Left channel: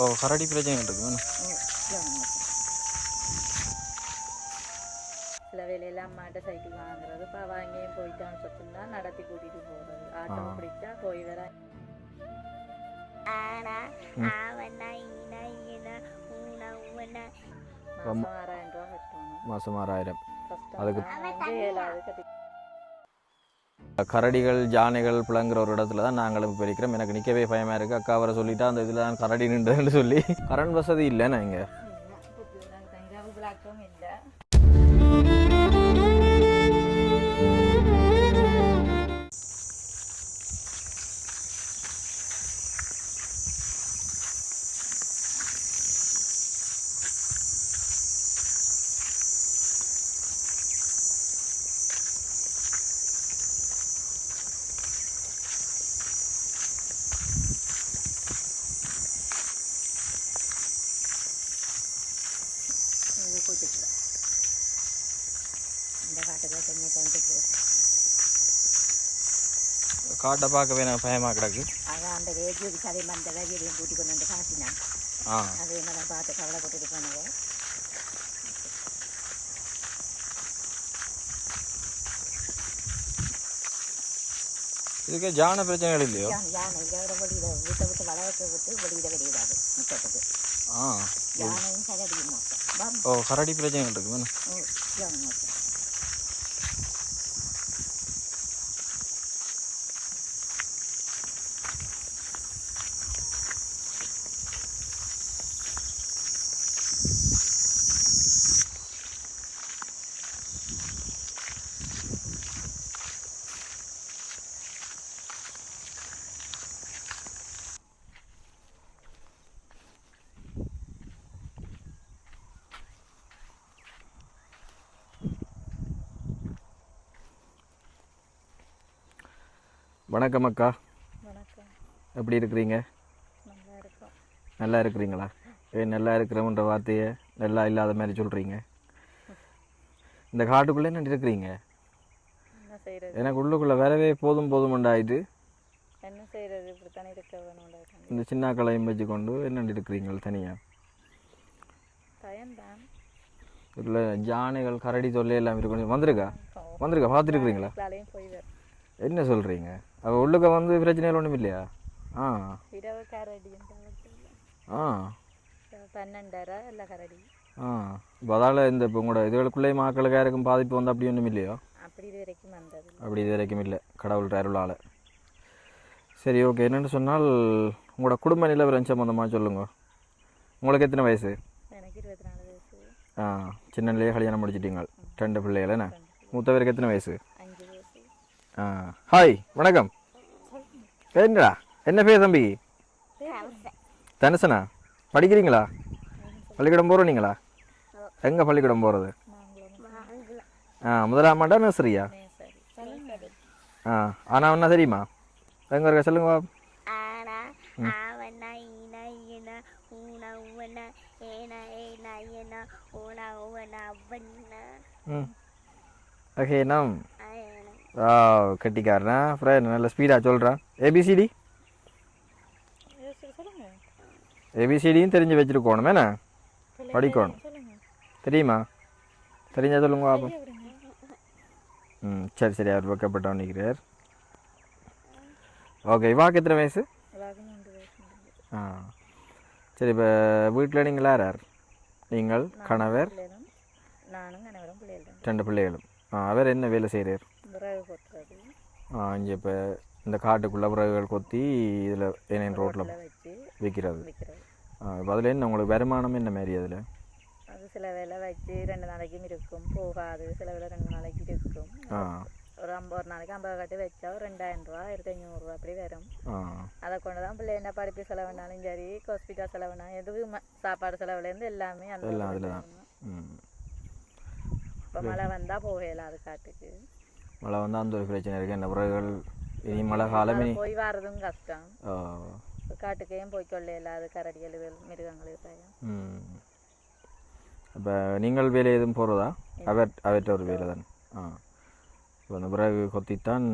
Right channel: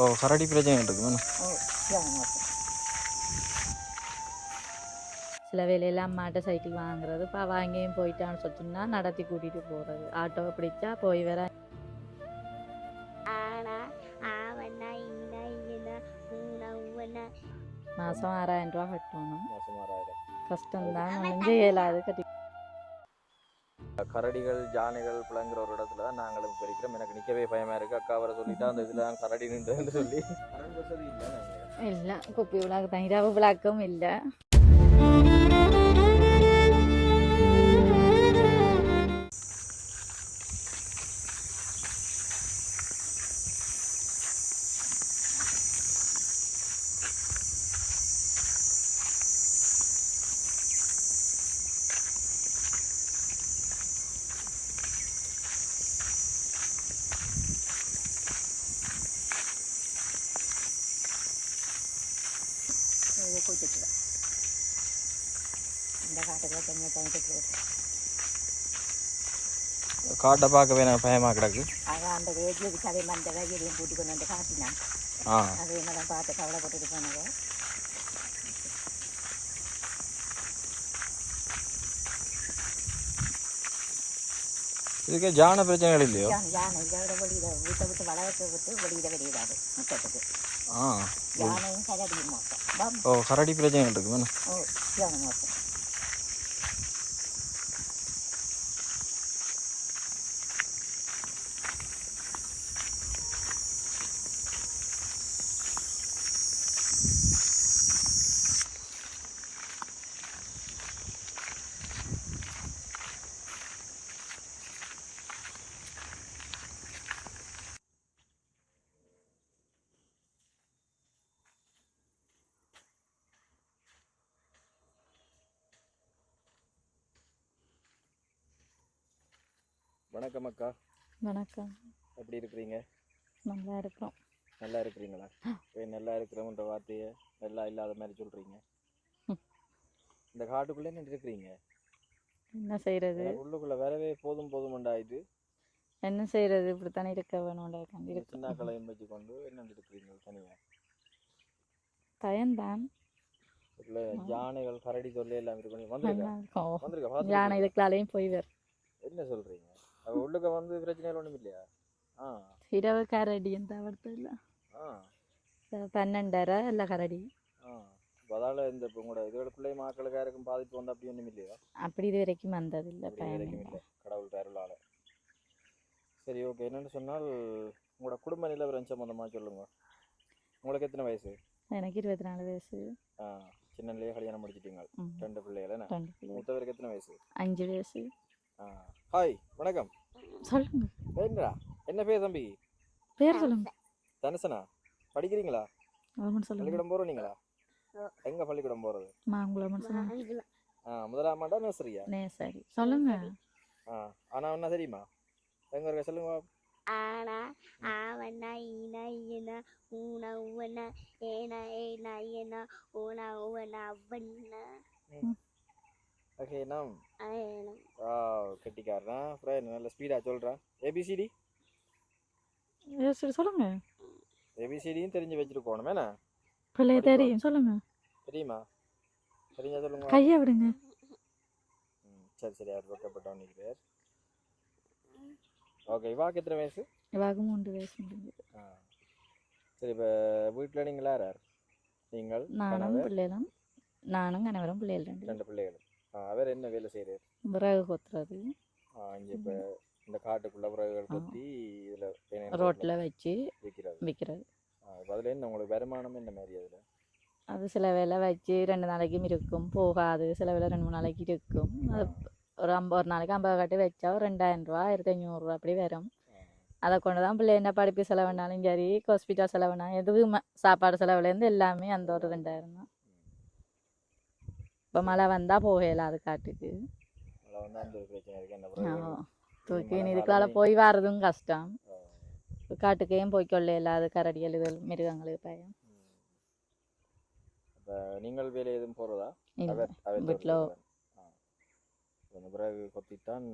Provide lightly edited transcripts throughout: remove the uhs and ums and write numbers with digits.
ஓ கரடி பிரச்சனை இருக்குது. சில வேலையெல்லாம் அம்மாட்ட சைக்கிள் வாங்குறது, இப்போ வாங்கியும் போயிட்டான்னு சொன்னா நடத்தி கூட்டிகிட்டு போகிறது, ஆட்டோவை பிடிச்சா போய் வர. மாதம் 6000 ரூபா கட்டணும். மாதம் 6000. கஷ்டம் இயலாது கட்டி. கரடிகள் ஜானைகள் பிளங்குற ஒரு இடத்துல தான் நாங்களும் இப்போ இருக்கிறோம். எனக்கு நிற்கவே பயமாக இருக்குது. அக்கா அவரை சொல்லிட்டா அந்த இதில் தான் கரடி நின்றுன்னு சொல்லி கரண்ட் வசதி இல்லைண்ணா இங்கே. இல்லை குப்பி விழாக்கு தான், இரவு விழாக்கும் இல்லை. காட்டை பார்க்கவே எனக்கு பயமாக கிடக்கு. அதான் அந்த வேதியை சரி அந்த வேதியையும் கூட்டி கொண்டு வந்து காட்டினான். அது என்னதான் பார்த்து கவலைப்பட்டுட்டு போனது. இதுக்கு ஜான பிரச்சனைகள் இல்லையோ? யானை இதோட வெளியிட வீட்டை விட்டு வளர்க்க விட்டு வெளியிடாது முட்டத்துக்கு. யானையும் கரடியும் மோசம். ஓ கரடி பிரச்சனைகள் இருக்கு. யானை மோசம். வணக்கம் அக்கா. வணக்கம். எப்படி இருக்கிறீங்க? நல்லா இருக்கோம். நல்லா இருக்கிறீங்களா? நல்லா இருக்கிறோம்ன்ற வார்த்தையை நல்லா இல்லாத மாதிரி சொல்கிறீங்க. இந்த காட்டுக்குள்ளே என்ன இருக்கிறீங்க? என்ன செய்கிறது? எனக்கு உள்ளுக்குள்ளே வரவே போதும் உண்டாயிட்டு. என்ன செய்கிறது? இப்படித்தானே இருக்க வேணும். இந்த சின்ன கலையும் வச்சு கொண்டு என்ன இருக்கிறீங்க தனியாக? பயன்தான். இல்லை ஜானைகள் கரடி தொல்லை எல்லாம் இருக்கணும். வந்துருக்கா பார்த்துருக்கீங்களா? போய் வேறு என்ன சொல்கிறீங்க? அவள் உள்ளுக்க வந்து பிரச்சனைகள் ஒன்றும் இல்லையா? இரவு கரடி எந்த இல்லை. 12:30 இல்லை கரடி. இப்போ அதால் இந்த இப்போ உங்களோட இதுகளுக்குள்ளே மக்களுக்கு யாருக்கும் பாதிப்பு வந்து அப்படி ஒன்றும் இல்லையோ? அப்படி இது வரைக்கும் வந்தது. அப்படி இது வரைக்கும் இல்லை, கடவுள் அருளால். சரி ஓகே. என்னென்னு சொன்னால் உங்களோட குடும்ப நிலவரம் சம்மந்தமாக சொல்லுங்க. உங்களுக்கு எத்தனை வயசு? எனக்கு 24 வயசு. சின்னலேயே கல்யாணம் முடிச்சிட்டீங்க. 2 பிள்ளைகள் என்ன? மூத்தவருக்கு எத்தனை வயசு? 5 வயசு. ஹாய் வணக்கம். சொல்லுங்க. பேருடா என்ன பேர் தம்பி? பேர் சொல்லுங்க. தனுசனா? படிக்கிறீங்களா? பள்ளிக்கூடம் போகிறீங்களா? எங்கே பள்ளிக்கூடம் போகிறது? முதலாம் ஆமாண்டா நர்சரியா? சொல்லுங்க. ஆனால் என்ன தெரியுமா? எங்கே இருக்க சொல்லுங்க. ஓகே நாம் கட்டிக்காரனா அப்புறம் நல்ல ஸ்பீடாக சொல்கிறான். ஏபிசிடி சொல்லுங்க. ஏபிசிடியும் தெரிஞ்சு வச்சுருக்கணும். என்ன படிக்கணும் சொல்லுங்க. தெரியுமா? தெரிஞ்சா சொல்லுங்க. சரி சரி. அவர் வைக்கப்பட்ட நிற்கிறார். ஓகே. இவாக்கு எத்தனை வயசு? 3 வயசு. சரி. இப்போ வீட்டில் நீங்கள் யார்? நீங்கள் கணவர்? நானும் கணவரும் பிள்ளைகளும். 2 பிள்ளைகளும். அவர் என்ன வேலை செய்கிறார்? விறகு கொத்துறது. இங்கே இப்போ இந்த காட்டுக்குள்ளே விறகுகள் கொத்தி இதில் ஏனைய ரோட்டில் வச்சு விற்கிறது. அதில் என்ன உங்களுக்கு வருமானம் என்ன மாதிரி? அதில் அது சில வேலை வச்சு 2 நாளைக்கும் இருக்கும், போகாது. சில வேலை 2-3 நாளைக்கு இருக்கும். ஒரு நாளைக்கு 50 கட்டி வச்சா ஒரு 2000 ரூபா 1500 ரூபா அப்படி வரும். அதை கொண்டு தான் பிள்ளை என்ன படிப்பு செலவுனாலும் சரி, ஹாஸ்பிட்டல் செலவுனாலும் எதுவும் சாப்பாடு செலவுலேருந்து எல்லாமே அந்த. இப்போ மழை வந்தால் போகலாம். அது காட்டுக்கு மழை வந்தால் அந்த ஒரு பிரச்சனை இருக்குது. என்ன விறகுகள் மழை காலம் போய் வர்றதும் கஷ்டம். காட்டுக்கையும் போய்க்கொள்ள இல்லாத கரடிகள் இது மிருகங்கள் பயம். இப்போ நீங்கள் வேலை எதுவும் போகிறதா? அவர்கிட்ட ஒரு வேலை தான். இப்போ அந்த விறகு கொத்தித்தான்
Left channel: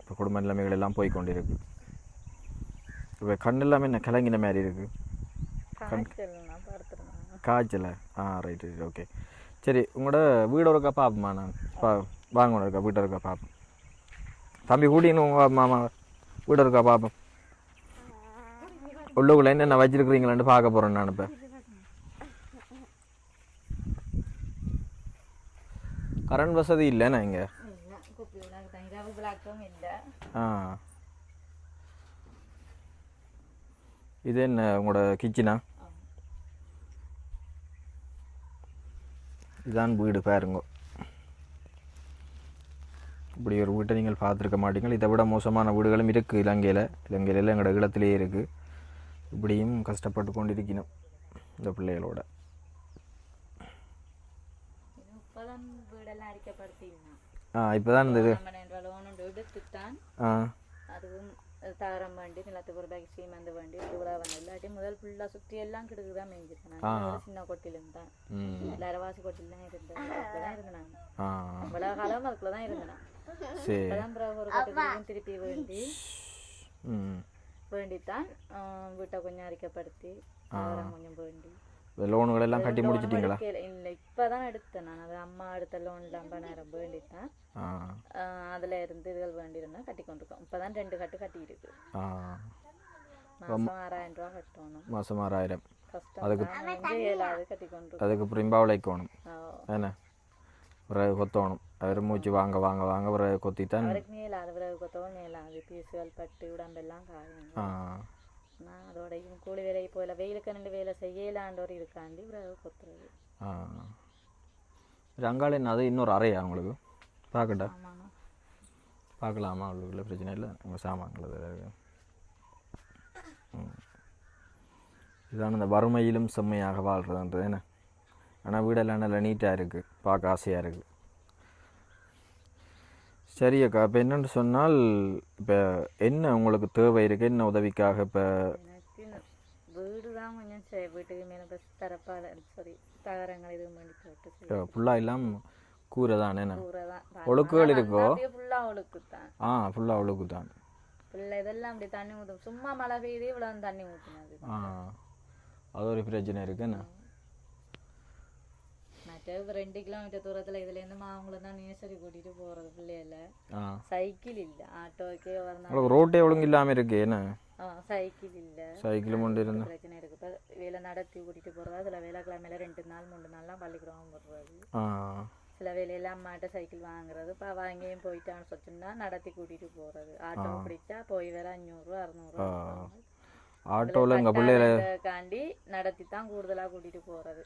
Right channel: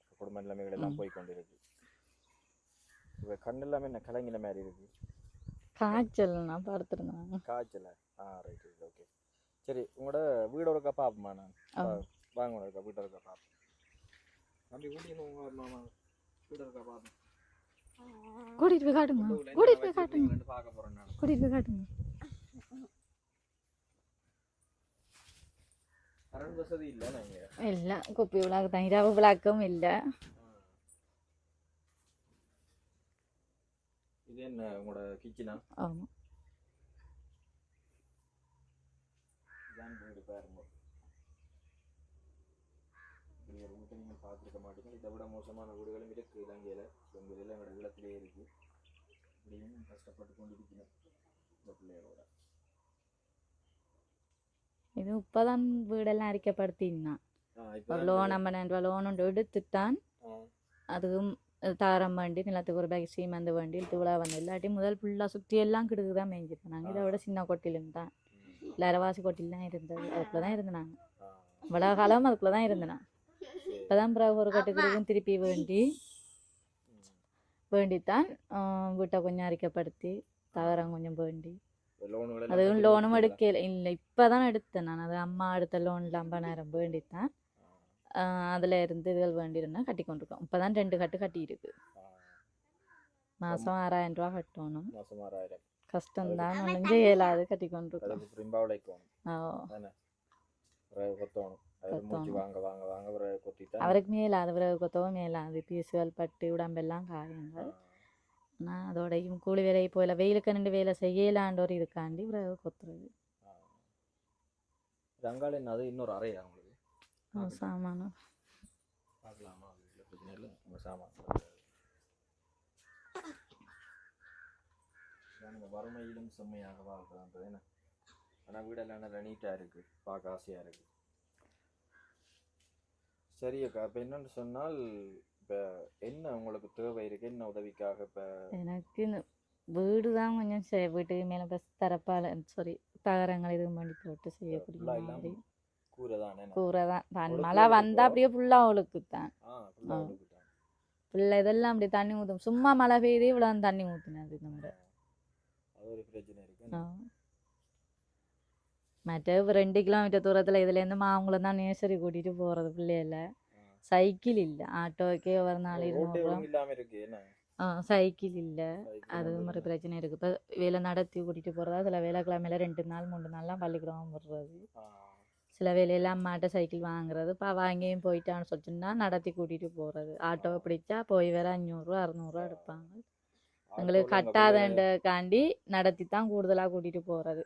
இப்போ குடும்ப நிலைமைகள் எல்லாம் போய் கொண்டிருக்கு. இப்போ கண் எல்லாமே என்ன கலங்கின மாதிரி இருக்குது. காய்ச்சல் நான் படுத்துருந்தேன். காய்ச்சல ரைட் ரைட் ஓகே. சரி உங்களோட வீடு இருக்கா பார்ப்போம்மா நான் வாங்க இருக்கா வீட்டை இருக்கா பார்ப்போம். தம்பி கூட்டின்னு உங்கள் மாமா வீடு இருக்கா பார்ப்போம். கூட்டிட்டு போய் காட்டுங்க. உள்ளுக்குள்ள என்னென்ன வச்சிருக்கிறீங்களான்னு பார்க்க போகிறேன் நான் இப்போ. கூட்டிட்டு போய் காட்டுங்க. கரண்ட் வசதி இல்லைண்ணா இங்கே. இல்லை குப்பி விளாக்கு தான் இரவு விளாக்கும் இல்லை. இது என்ன உங்களோட கிச்சனா? ஆமாம். இதான் வீடு பாருங்க. இப்படி ஒரு வீட்டை நீங்கள் பார்த்துருக்க மாட்டீங்க. இதை விட மோசமான வீடுகளும் இருக்குது இலங்கையில். இலங்கையில் எங்களோட இடத்துலையே இருக்குது. இப்படியும் கஷ்டப்பட்டு கொண்டிருக்கணும் இந்த பிள்ளைகளோட. இது இப்போதான் வீடெல்லாம் அரிக்கப்படுத்தினான். இப்போதான் நம்ம லோன் ஒன்று எடுத்துத்தான் அதுவும் தாரம் வண்டி நிலத்துக்கு ஒரு பேக் சீமந்து வண்டி தூளா வந்து இல்லாட்டி முதல் ஃபுல்லாக சுற்றி எல்லாம் கிடுக்கு தான் மேய்ஞ்சிருப்பேன். நாங்கள் சின்ன கொட்டிலும் தான் இல்லை அரவாசி கொட்டில் தான் இருந்தது. அதுக்குள்ள தான் இருந்தாங்க இவ்வளோ காலம். அதுக்குள்ள தான் இருந்தேன். அதான் பிறகு ஒரு கொட்டுக்குள்ளும் திருப்பி வேண்டித்தான் வீட்டை கொஞ்சம் அரிக்கப்படுத்தி தாரம் கொஞ்சம் வேண்டி லோனும் எடுக்கல. இல்லை இப்போதான் எடுத்தேன் நான். அது அம்மா எடுத்த லோனில் 50,000 வேண்டித்தான். அதில் இருந்து இதுகள் வேண்டியிருந்தா கட்டி கொண்டிருக்கோம். இப்போ தான் 2 கட்டு கட்டி இருக்கு. மாதம் 6,000 ரூபா கட்டணும். மாதம் 6,000 கஷ்டம் தான். முடிஞ்சு 7,000 கட்டி கொண்டு. அதுக்கு பிரிம்பா உழைக்கணும் என்ன பிறகு கொத்தணும். அவர் மூச்சு வாங்க வாங்க வாங்க பிறகு கொத்தித்தான். அவருக்கு மேலாது பிறகு கொத்தவும் மேலாது பீசுகள் பட்டு உடம்பெல்லாம் காயும். நான் அதோடையும் கூலி வேலையை போயில வெயிலுக்கு 2 வேலை செய்யலான்ற ஒரு இதுக்காண்டி பிறகு கொத்துறது. அங்காளன் அது இன்னொரு அறையா உங்களுக்கு பார்க்கட்டா? பார்க்கலாமா? அவ்வளோ பிரச்சனை இல்லை. உங்கள் சாமான்கள் இதான இந்த வறுமையிலும் செம்மையாக வாழ்கிறதுன்றது என்ன. ஆனால் வீடெல்லாம் நல்லா நீட்டாக இருக்குது, பார்க்க ஆசையாக இருக்குது. சரி அக்கா, இப்போ என்னென்னு சொன்னால் இப்போ என்ன உங்களுக்கு தேவை இருக்குது? என்ன உதவிக்காக? இப்போ எனக்கு இந்த வீடு தான் கொஞ்சம் வீட்டுக்கு மேலே பஸ் தரப்பால் தகரங்கள் இது பண்ணி போட்டு ஃபுல்லாக இல்லாமல் கூரை தான். என்ன கூரை தான் வந்தால் அப்படியே ஃபுல்லாக அவளுக்கு தான். ஃபுல்லாக அவளுக்கு தான். ஃபுல்லாக இதெல்லாம் அப்படி தண்ணி ஊற்றும். சும்மா மழை பெய்யுது இவ்வளோ தண்ணி ஊற்றினது. அது ஒரு பிரச்சனை இருக்குண்ணா. மற்ற 2 கிலோமீட்டர் தூரத்தில் இதுலேருந்து மாங்குளம் தான் நேசரி கூட்டிகிட்டு போகிறது பிள்ளையில. சைக்கிள் இல்லை, ஆட்டோக்கே ஒரு நாள் ரோட்டே ஒழுங்கு இல்லாமல் இருக்கு. என்ன சைக்கிள் இல்லை, சைக்கிள் பிரச்சனை இருக்குது. இப்போ வேலை நடத்தி கூட்டிகிட்டு போகிறதா சில வேலைக்கிழமையில 2 நாள் 3 நாள்லாம் பள்ளிக்கூடம் போடுறது. சில வேலையெல்லாம் அம்மாட்ட சைக்கிள் வாங்குறது. இப்போ வாங்கியும் போயிட்டான்னு சொன்னா நடத்தி கூட்டிகிட்டு போகிறது. ஆட்டோ பிடிச்சா போய் வேற 500 600 கட்டாதக்காண்டி நடத்தி தான் கூடுதலாக கூட்டிகிட்டு போகிறது.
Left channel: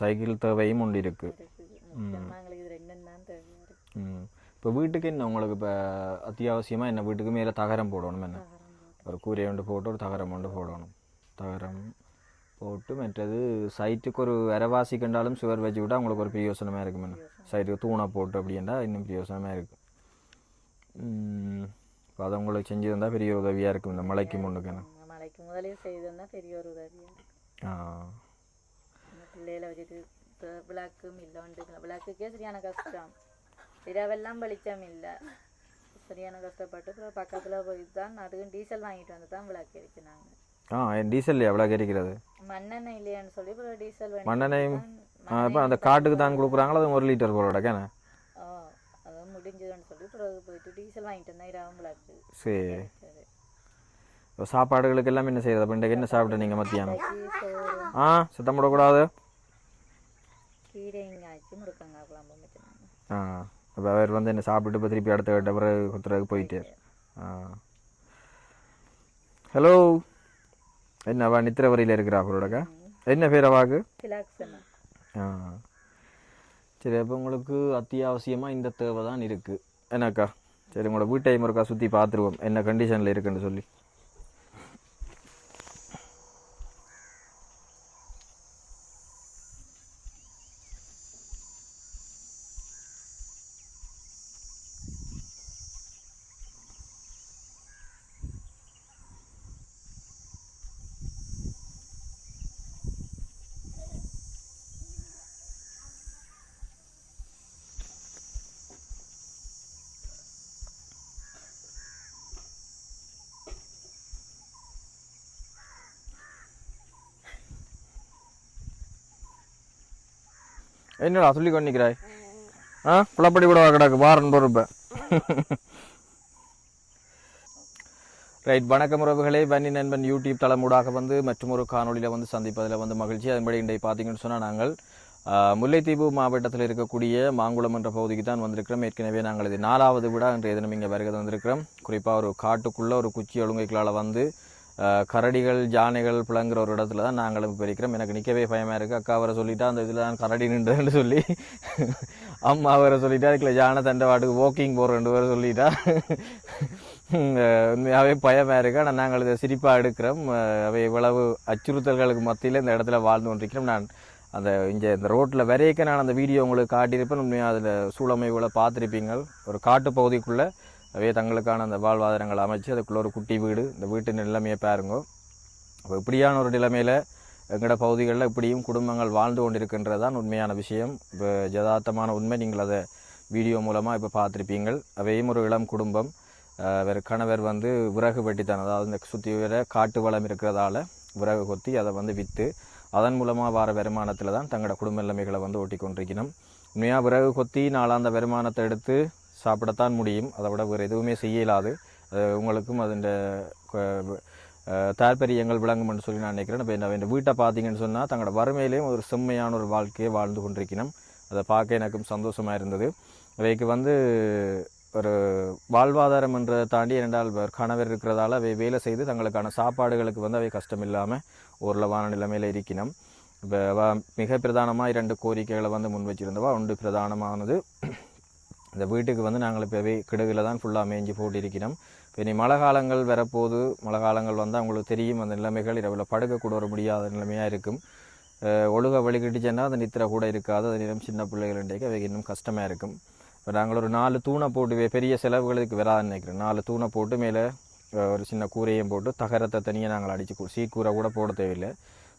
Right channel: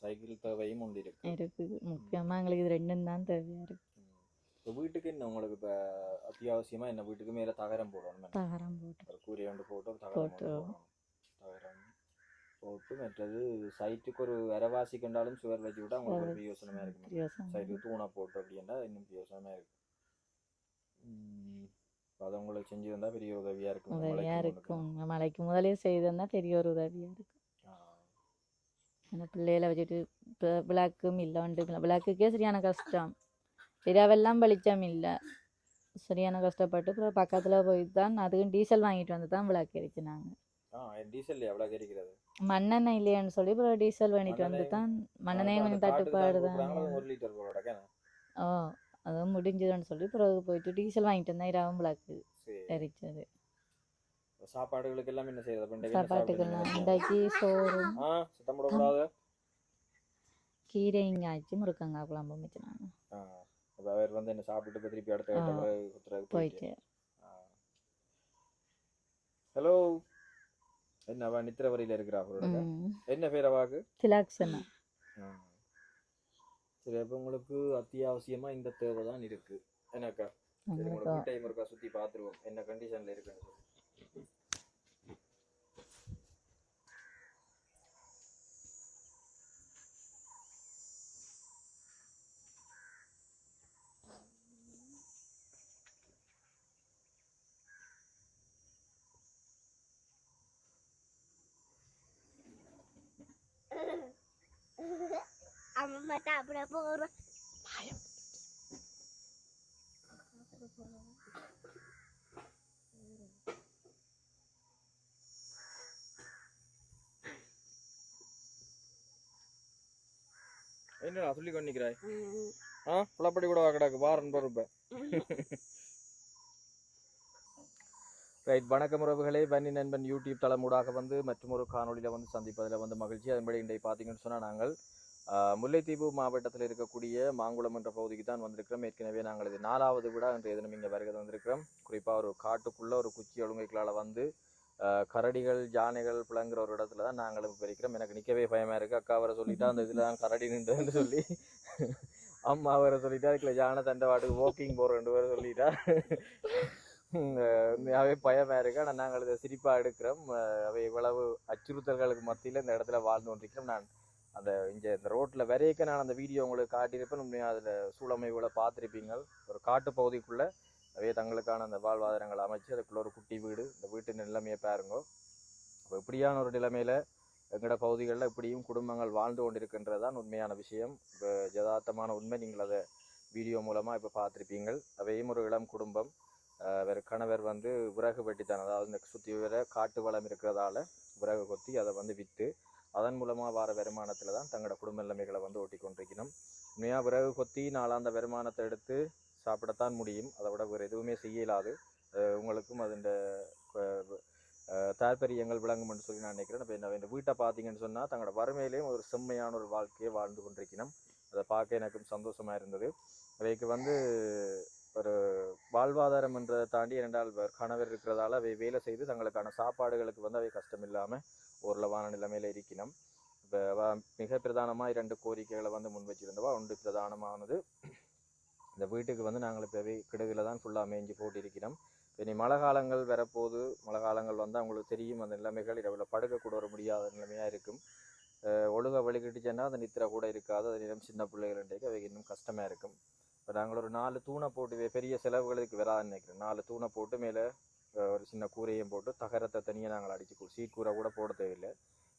சைக்கிள் தேவையும் ஒன்று இருக்குது. முக்கியமாக எங்களுக்கு இது 2 தான் தேவையாக இருக்குது. இப்போ வீட்டுக்கு என்ன உங்களுக்கு இப்போ அத்தியாவசியமாக என்ன வீட்டுக்கு மேலே தகரம் போடணும். என்ன ஒரு கூரை ஒன்று போட்டு ஒரு தகரம் ஒன்று போடணும். தகரம் போட்டு மற்றது சைட்டுக்கு ஒரு விரவாசி கண்டாலும் சுவர் வச்சு விட்டால் உங்களுக்கு ஒரு பிரயோசனமாக இருக்கும். என்ன சைட்டுக்கு தூணை போட்டு அப்படின்னா இன்னும் பிரயோசனமாக இருக்குது. இப்போ அதை உங்களுக்கு செஞ்சு தந்தால் பெரிய உதவியாக இருக்கும். இந்த மலைக்கு முன்னுக்கு மலைக்கு முதலே செய்து தந்தால் பெரிய ஒரு உதவியாக இருக்குது. இந்த பிள்ளைகளை வச்சுட்டு இப்போ விளக்கும் இல்லை வந்துட்டுங்களா. விளக்குக்கே சரியான கஷ்டம். இரவெல்லாம் வெளிச்சம் இல்லை. சரியான கஷ்டப்பட்டு அப்புறம் பக்கத்தில் போய் தான் அதுக்கும் டீசல் வாங்கிட்டு வந்து தான் விளக்கு எரிச்சு நாங்கள். டீசல் எவ்வளோ எரிக்கிறது? மண்ணெண்ணெய் இல்லையான்னு சொல்லி இப்போ டீசல் வேணும். அந்த காட்டுக்கு தான் கொடுக்குறாங்களோ அது 1 லிட்டர் போல கேன. அதுவும் முடிஞ்சதுன்னு சொல்லி பிறகு போயிட்டு டீசல் வாங்கிட்டு வந்தேன். இரவும் விளக்கு எரிச்சது. சாப்பாடுகளுக்கு எல்லாம் என்ன செய்யறது? அப்போ இன்றைக்கு என்ன சாப்பிட்டு நீங்கள் மத்தியானம்? சோறு சுத்தம் போடக்கூடாது. கீரைங்க ஆச்சு முருக்கங்காய் குழம்பு வச்சுனாங்க. அப்போ அவர் வந்து என்ன சாப்பிட்டுட்டு இப்போ திருப்பி அடுத்த கிட்ட பிறகு குத்துறதுக்கு போயிட்டு. ஹலோ, என்னவா நித்திர வரையில் இருக்கிறா அவரோட? என்ன பேர் அவாக்கு? திலாக்ஷனா. சரி, அப்போ உங்களுக்கு அத்தியாவசியமாக இந்த தேவை தான் இருக்குது என்னக்கா? சரி, உங்களோட வீட்டை முருக்கா சுற்றி பார்த்துருவோம் என்ன கண்டிஷனில் இருக்குன்னு சொல்லி. என்னடா சொல்லி கொண்டிக்கிறாய் புலப்படி கூட கிடக்கு வாரன் பொறுப்ப ரைட். வணக்கம் உறவுகளே, வன்னி நண்பன் யூடியூப் தளமூடாக வந்து மற்றும் ஒரு காணொலியில் வந்து சந்திப்பதில் வந்து மகிழ்ச்சி. அதன்படி இன்றைக்கு பார்த்தீங்கன்னு சொன்னால் நாங்கள் முல்லைத்தீவு மாவட்டத்தில் இருக்கக்கூடிய மாங்குளம் என்ற பகுதிக்கு தான் வந்திருக்கிறோம். ஏற்கனவே நாங்கள் இது 4வது விட இன்றைய தினம் இங்கே வருகை வந்திருக்கிறோம். குறிப்பாக ஒரு காட்டுக்குள்ளே ஒரு குச்சி ஒழுங்கைகளால் வந்து கரடிகள் யானைகள் பிளங்குற ஒரு இடத்துல தான் நாங்களும் இப்போ இருக்கிறோம். எனக்கு நிற்கவே பயமாக இருக்குது. அக்கா அவரை சொல்லிட்டா அந்த இதில் தான் கரடி நின்றுன்னு சொல்லி, அம்மா அவரை சொல்லிட்டா அதுக்குள்ள யானை தண்டவாட்டுக்கு வாக்கிங் போகிறேன் வேறு சொல்லிட்டா. உண்மையாகவே பயமாக இருக்கு. ஆனால் நாங்கள் இதை சிரிப்பாக எடுக்கிறோம். அவை இவ்வளவு அச்சுறுத்தல்களுக்கு மத்தியில் இந்த இடத்துல வாழ்ந்து கொண்டிருக்கிறோம். நான் அந்த இந்த ரோட்டில் வரையக்க நான் அந்த வீடியோ உங்களுக்கு காட்டியிருப்பேன். உண்மையாக அதில் சூழமைவுகளை பார்த்துருப்பீங்க. ஒரு காட்டு பகுதிக்குள்ளே அவே தங்களுக்கான அந்த வாழ்வாதாரங்களை அமைச்சு அதுக்குள்ளே ஒரு குட்டி வீடு, இந்த வீட்டு நிலைமையை பாருங்க. அப்போ இப்படியான ஒரு நிலைமையில் எங்களோட பகுதிகளில் இப்படியும் குடும்பங்கள் வாழ்ந்து கொண்டிருக்கின்றது தான் உண்மையான விஷயம். இப்போ யதார்த்தமான உண்மை. நீங்கள் அதை வீடியோ மூலமாக இப்போ பார்த்துருப்பீங்கள். அவையும் ஒரு இளம் குடும்பம். வேறு கணவர் வந்து விறகு வெட்டித்தான், அதாவது இந்த சுற்றி வர காட்டு வளம் இருக்கிறதால விறகு கொத்தி அதை வந்து விற்று அதன் மூலமாக வர வருமானத்தில் தான் தங்களோட குடும்ப நிலைமைகளை வந்து ஓட்டி கொண்டிருக்கணும். உண்மையாக விறகு கொத்தி நாளாந்த வருமானத்தை எடுத்து சாப்பிடத்தான் முடியும். அதை விட வேறு எதுவுமே செய்யலாது. உங்களுக்கும் அதன் தாற்பயங்கள் விளங்கும்னு சொல்லி நான் நினைக்கிறேன். இப்போ இந்த வீட்டை பார்த்தீங்கன்னு சொன்னால் தங்களோட வறுமையிலையும் ஒரு செம்மையான ஒரு வாழ்க்கையை வாழ்ந்து கொண்டிருக்கணும். அதை பார்க்க எனக்கும் சந்தோஷமாக இருந்தது. அவைக்கு வந்து ஒரு வாழ்வாதாரம் என்றதை தாண்டி இரண்டால் கணவர் இருக்கிறதால அவை வேலை செய்து தங்களுக்கான சாப்பாடுகளுக்கு வந்து அவை கஷ்டம் இல்லாமல் ஓரளவான நிலைமையில் இருக்கணும். இப்போ மிக பிரதானமாக 2 கோரிக்கைகளை வந்து முன் வச்சுருந்தவா. ஒன்று பிரதானமானது, இந்த வீட்டுக்கு வந்து நாங்கள் இப்போவே கிடுகில் தான் ஃபுல்லாக மேய்ஞ்சி போட்டு இருக்கணும். இப்போ இனி மழை காலங்கள் வரப்போது, மழை காலங்கள் வந்து அவங்களுக்கு தெரியும் அந்த நிலைமைகள் இரவில் படுக்கக்கூட வர முடியாத நிலைமையாக இருக்கும். ஒழுக வழிகிட்டுச்சுன்னா அந்த நித்திரை கூட இருக்காது. அது நேரம் சின்ன பிள்ளைகள் இன்றைக்கு அவை இன்னும் கஷ்டமாக இருக்கும். இப்போ நாங்கள் ஒரு 4 தூணை போட்டு, பெரிய செலவுகளுக்கு வராதுன்னு நினைக்கிறேன், 4 தூணை போட்டு மேலே ஒரு சின்ன கூரையும் போட்டு தகரத்தை தனியாக நாங்கள் அடித்து சீக்கூரை கூட போட தேவையில்லை.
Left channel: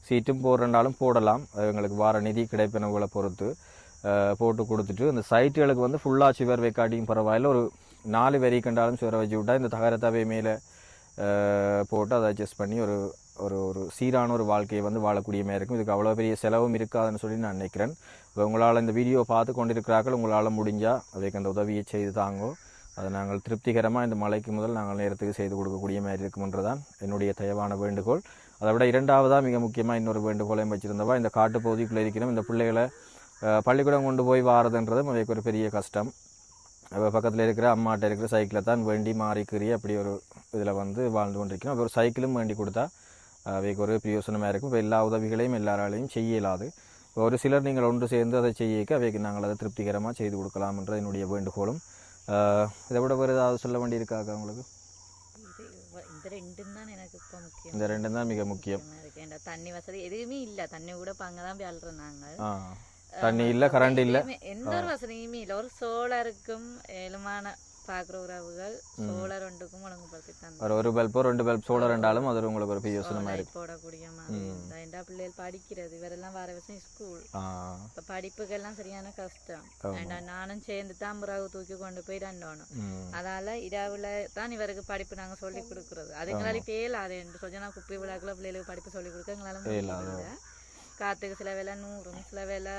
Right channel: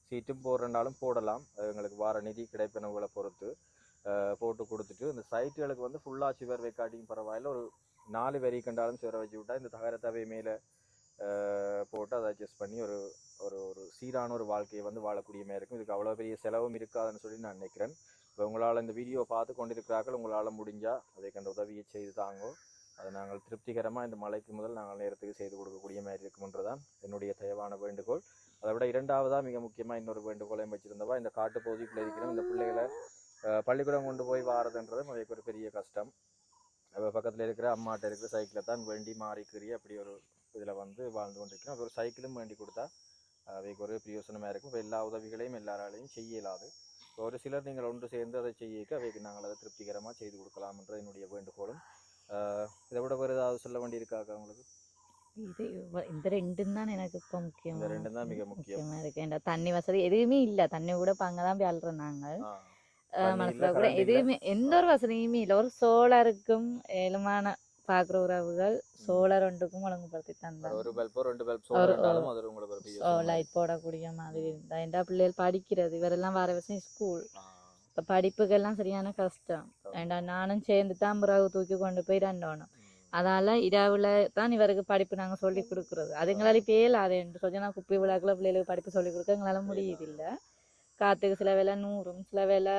சீட்டும் போடுறனாலும் போடலாம். அது எங்களுக்கு வார நிதி கிடைப்பினவுகளை பொறுத்து போட்டு கொடுத்துட்டு அந்த சைட்டுகளுக்கு வந்து ஃபுல்லாக சுவர் வைக்காட்டியும் பரவாயில்ல. ஒரு 4 வரி கண்டாலும் சுவரை வச்சு விட்டால் இந்த தகரத்தாவே மேலே போட்டு அதை அட்ஜஸ்ட் பண்ணி ஒரு ஒரு ஒரு சீரான ஒரு வாழ்க்கையை வந்து வாழக்கூடிய மாதிரி இருக்கும். இதுக்கு அவ்வளோ பெரிய செலவும் இருக்காதுன்னு சொல்லி நான் நினைக்கிறேன். இப்போ உங்களால் இந்த வீடியோ பார்த்து கொண்டிருக்கிறார்கள், உங்களால் முடிஞ்சால் அதுக்கு அந்த உதவியை செய்து தாங்கோ. அதை நாங்கள் திருப்திகரமாக இந்த மழைக்கு முதல் நாங்கள் நேரத்துக்கு செய்து கொடுக்கக்கூடிய மாதிரி இருக்கும்ன்றதான் என்னுடைய தயவான வேண்டுகோள். அதை விட 2வதாக மிக முக்கியமாக இன்னொரு வேண்டுகோளையும் வச்சுருந்தவா, இந்த காட்டு பகுதிக்குள்ளே இருக்கிறோம். இந்த பிள்ளைகளை பள்ளிக்கூடம் கொண்டு போய் வாரதுன்றதும் அவைக்கு ஒரு பெரிய கஷ்டம். பக்கத்தில் இருக்கிற அம்மாட்ட இருக்கிற சைக்கிளை தான் வேண்டி மாறிக்கிறி அப்படி ஒரு இதில் வந்து வாழ்ந்து கொண்டிருக்கிறோம். அப்போ ஒரு சைக்கிளும் வேண்டி கொடுத்தா அவைக்கு ஒரு பிரயோசனமாக இருக்கும். இப்போ எல்லா உதவிகளையும் எல்லாராலையும் செய்ய இயலாது. ஒரு சிலர் நீங்கள் ஒன்று சேர்ந்து அதை செய்யக்க அவைக்கு நாங்கள் அதை திருப்திகரமாக செய்து கொடுக்கலாம்ன்ற என்னுடைய வேண்டுகோளும். இதை விட வேறு ஏதாவது சொல்ல வேண்டியிருக்காக்கா உங்களுக்கு? இந்த 2 தான் எனக்கு இப்போ முக்கியம். இந்த 2 தான் மிக முக்கியம். தண்ணி வசதி எதுவுமே இல்லை. தண்ணி கூட இப்போ அங்கே தான் போய் அழுறோம் நாங்கள். தண்ணி இல்லை, கரண்ட் இல்லை, எந்த ஒரு வசதியுமே இல்லை. ஒரு சோலாருக்கும் ஏழுமான பார்க்குற உறவுகள் சோலார் ஒன்றுக்கும் ஒழுங்குபடுத்தி தந்தாங்க. ஒரு பல்போ 2 பல்ப் சோலார் ரெண்டாலும் அது உங்களுக்கு ஒரு லைட் போடக்கூடிய மாதிரி இருந்தா. எந்த பிள்ளைகள் படிக்கிறது இவரெல்லாம் வர வருஷம் ஸ்கூல், இப்போ படிப்புக்கெல்லாம் சரியான கஷ்டம். நானும் சேர்ந்து தான் பிறகு தூக்கி கொண்டு போய் தண்டோணும். அதால இரவுல தான் இவருக்கு படிப்பு நாங்கள் சொல்லி கொடுக்குறது. அதுங்களால இப்போ ஏழாது என்று சொல்லி நான் குப்பை விழாக்குள்ள பிள்ளைகளுக்கு படிப்பு சொல்லி கொடுக்க எங்களால முடியல. காற்றுக்கு சில வேலை நூறும், சில வேலை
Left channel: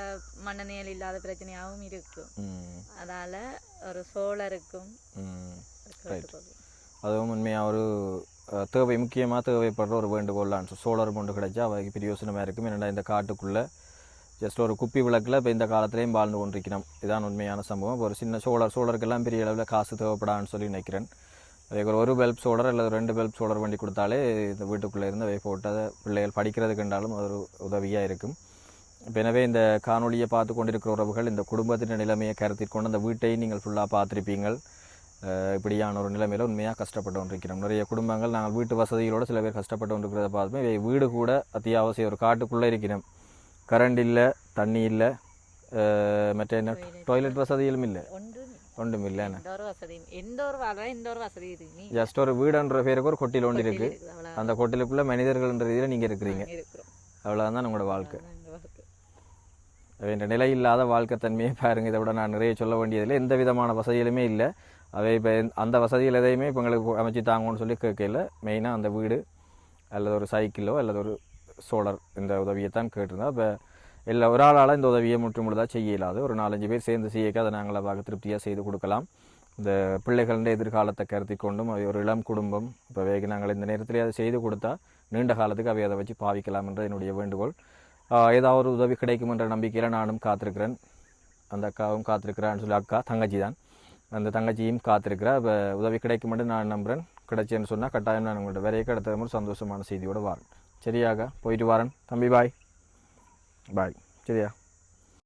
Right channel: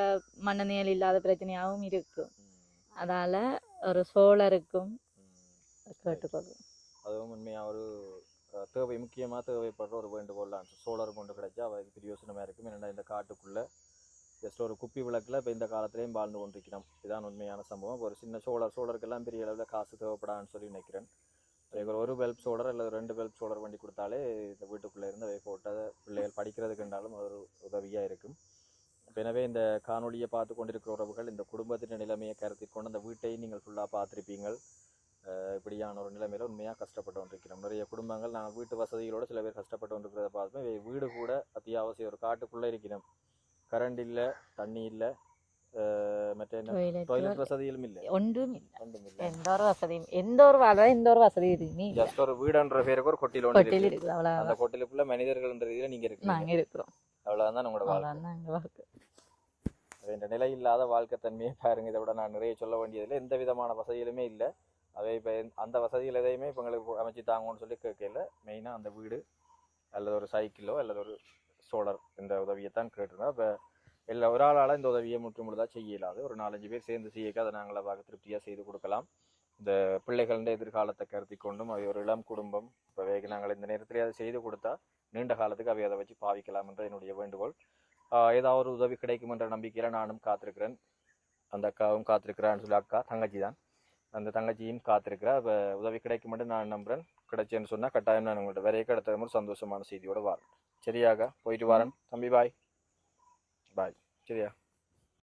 மண்ணு நீள் இல்லாத பிரச்சனையாகவும் இருக்கும். அதால ஒரு சோழருக்கும் அதுவும் உண்மையாக ஒரு தேவை, முக்கியமாக தேவைப்படுற ஒரு வேண்டுகோள்லாம். சோழர் கொண்டு கிடைச்சா அவைக்கு பிரயோசனமாக இருக்கும். என்னடா இந்த காட்டுக்குள்ளே ஜஸ்ட் ஒரு குப்பி விளக்கில் இப்போ இந்த காலத்துலேயும் வாழ்ந்து கொண்டிருக்கிறோம். இதுதான் உண்மையான சம்பவம். ஒரு சின்ன சோழருக்கெல்லாம் பெரிய அளவில் காசு தேவைப்படான்னு சொல்லி நினைக்கிறேன். அதுக்கு ஒரு பல்ப் சோலர் அல்லது 2 பல்ப் சோலர் வண்டி கொடுத்தாலே இந்த வீட்டுக்குள்ளே இருந்து அவை போட்டு அதை பிள்ளைகள் படிக்கிறதுக்குண்டாலும் ஒரு உதவியாக இருக்கும். இப்போ எனவே இந்த காணொலியை பார்த்து கொண்டிருக்கிற உறவுகள் இந்த குடும்பத்தின் நிலைமையை கருத்தில் கொண்டு அந்த வீட்டை நீங்கள் ஃபுல்லாக பார்த்துருப்பீங்கள். இப்படியான ஒரு நிலைமையில் உண்மையாக கஷ்டப்பட்டு கொண்டிருக்கிறோம். நிறைய குடும்பங்கள் நாங்கள் வீட்டு வசதிகளோடு சில பேர் கஷ்டப்பட்டு கொண்டிருக்கிறத பார்த்துமே வீடு கூட அத்தியாவசியம். ஒரு காட்டுக்குள்ளே இருக்கிறோம், கரண்ட் இல்லை, தண்ணி இல்லை, மற்ற என்ன டாய்லெட் வசதிகளும் இல்லை, ஒன்றும் இல்லை. எந்த ஒரு வசதி ஜஸ்ட் ஒரு வீடுன்ற பேருக்கு ஒரு கொட்டில் ஒன்று இருக்கு. அந்த கொட்டிலுக்குள்ள மனிதர்கள்ன்ற இதில் நீங்கள் இருக்கிறீங்க. அவ்வளோதான் உங்களோட வாழ்க்கை. என்ற நிலை இல்லாத வாழ்க்கை தன்மையை பாருங்க. இதை விட நான் நிறைய சொல்ல வேண்டியதில்லை. எந்த விதமான வசதிகளுமே இல்லை. அவை இப்போ அந்த வசதிகள் எதையுமே இப்போ எங்களுக்கு அமைச்சு தாங்கன்னு சொல்லி கேட்கல. மெயினாக அந்த வீடு அல்லது ஒரு சைக்கிளோ அல்லது ஒரு சோலார் இந்த உதவியை தான் கேட்டிருந்தோம். இப்போ இல்லை ஒரு ஆளால் இந்த உதவியை முற்றுமுழுதாக செய்ய இயலாது. ஒரு 4-5 பேர் சேர்ந்து செய்யக்க அதை நாங்கள் பார்க்க திருப்தியாக செய்து கொடுக்கலாம். இந்த பிள்ளைகளின் எதிர்காலத்தை கருதி கொண்டும் அவை ஒரு இளம் குடும்பம் இப்போ நாங்கள் இந்த நேரத்தில் அதை செய்து கொடுத்தா நீண்ட காலத்துக்கு அவை அதை வச்சு பாவிக்கலாம் என்ற என்னுடைய வேண்டுகோள். ஏதாவது ஒரு உதவி கிடைக்கும் என்ற நம்பிக்கையில் நானும் காத்திருக்கிறேன். அந்த அக்காவும் காத்திருக்கிறான்னு சொல்லி அக்கா தங்கச்சி தான், அந்த தங்கச்சியும் காத்திருக்கிறா. இப்போ உதவி கிடைக்கும் என்று நான் நம்புகிறேன். கிடைச்சேன்னு சொன்னால் கட்டாயம் நான் உங்கள்கிட்ட வரைய அடுத்த ஒரு சந்தோஷமான செய்தியோடு வரேன். சரியாக போயிட்டு வரேன் தம்பி. பாய் பாய். சரியா?